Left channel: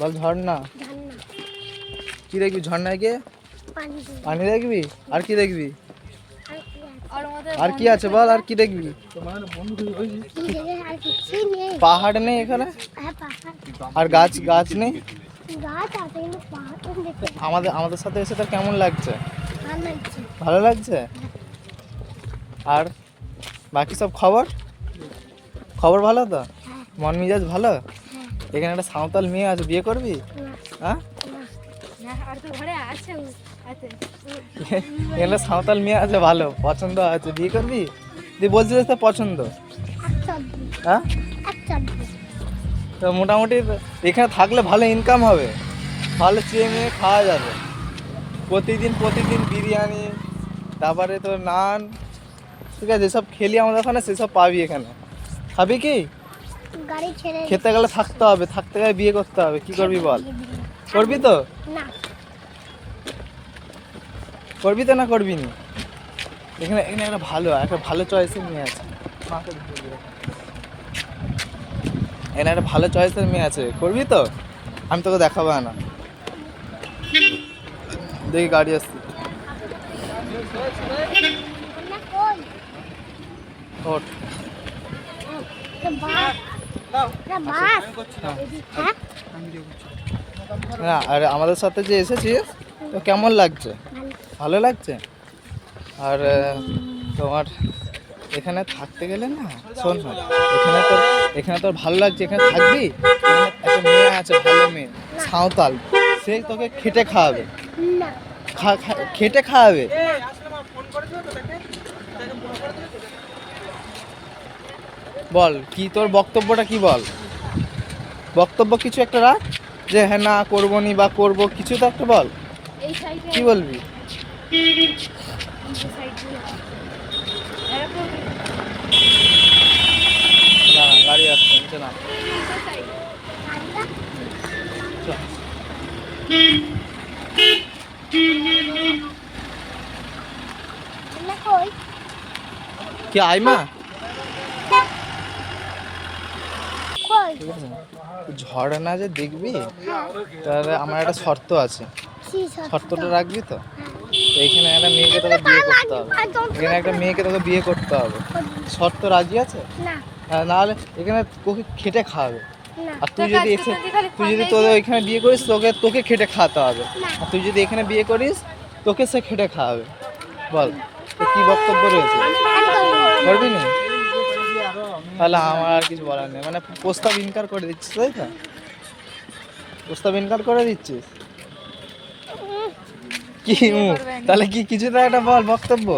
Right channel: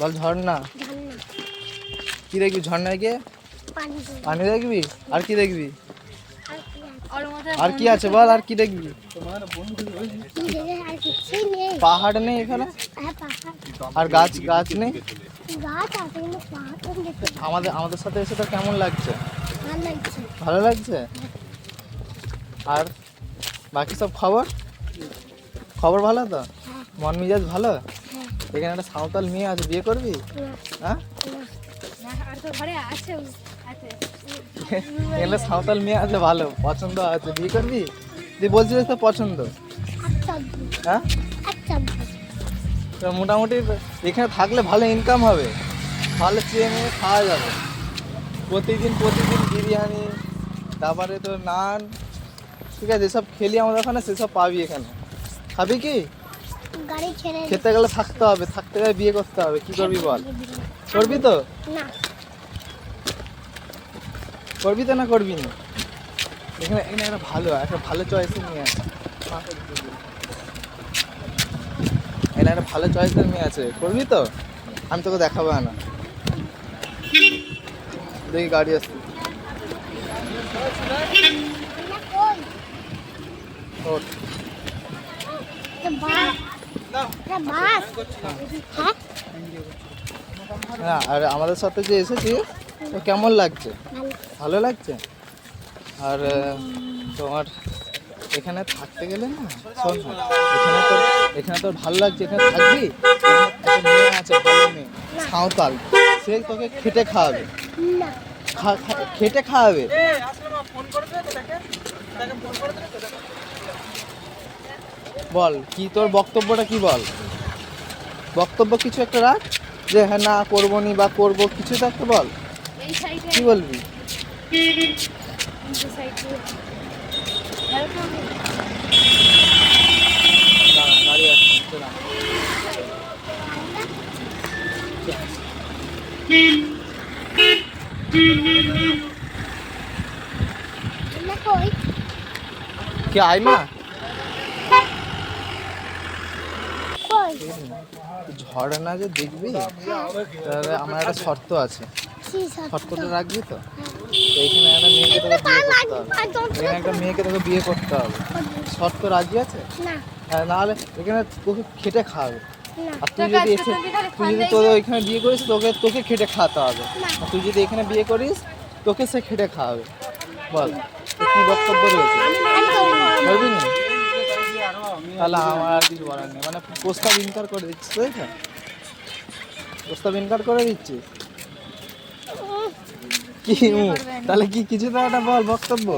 বল ঝর্ণা। কি দেখবি ঝর্ণায় গিয়ে? পানি দেখবি? আর কি দেখবি? আর কি আছে বল, আর কি দেখবি? পাহাড় নেই এখানে? আর গাছ গাছ নেই? আমাদের আমাদের সাথে এসে তো কেমন লাগছে? ভালো লাগছে। আর বাকি সব খবর খবর ভালো তো? মন মেজাজ ভালো? এখানে একটা সাঁওতাল মেয়ে আছে, বিয়ে করবি? হ্যাঁ, এখানে সাঁওতাল মেয়ে আছে, ভালো পছন্দ আছে, বিয়ে করবি? তুই বলছিস তো পছন্দ। হ্যাঁ, তো মোটামুটি এখানে থাকলে ভালো ইনকাম হবে, ভালো চেয়ে নিয়ে খাওয়া যাবে। প্রতিদিন প্রতিদিন বিরিয়ানি, তারপরে তো নান, ঠিক আছে, যেসব খেলি আমাদের ওখানে সেসব পাবি এখানে। খাবি কি? খেতে গেলে থাকতে হবে, থাকতে গেলে বিয়ে করতে হবে। কি করবি বল? করবি তো? করবি তো না করবি না? এখানে এখানে একটা ভালো চয়েসের মেয়ে আছে, এখানে একটা ভালো চয়েসের মেয়ে আছে, করবি তো? আমি তোকে দেখাবো না, দেখি গাড়ি আসছে। ওঠ। না, আর আমাদের সাথে যে এসেছিস তো কেমন লাগছে? ভালো লাগছে। আর তোমার এখানে থাকতে গেলে না, শোন না, এখানে তোর ভালো লাগছে, এখানে থাকবি। একটা মেয়ে আছে, ভালো মেয়ে, সাঁওতাল, সে তোকে খেটে খাওয়াবে, খেটে খাওয়াবে। বল কি তোর বক্তব্যটা, কি বল? বক্তব্য কিছু একটা রাখ, যে হ্যাঁ না করবো নি বা করবো, কিছু তো একটা বল। কি বলবি? গাড়ি আসছে, কি আইমা? ঝর্ণা যে দেখবি, তাহলে আমার একটা শর্ত আছে, শর্তটা রাখবি তো? এইখানে একটা মেয়েকে তোকে বিয়ে করতে হবে, এখানে একটা মেয়েকে তোকে বিয়ে করতে হবে, শর্ত রাজি আছে? নাহলে এখানে তোকে খেটে খাওয়াবে। আর তুই যদি তোদের ওইখানে বিয়ে করিস, তোকে খেটে খাওয়াতে হবে। আর তুই যদি এখানে বিয়ে করিস, তোকে সে খেটে খাওয়াবে। বল কি বক্তব্য রয়েছে? করবি না? তাহলে আমার আর কিছু বলার নেই, মানে প্রস্তাব ইনকার করে দিচ্ছিস, তাই তো? প্রস্তাব ইনকার করে দিচ্ছিস কি? তাহলে কি কিছুটা একটা বল বক্তব্য।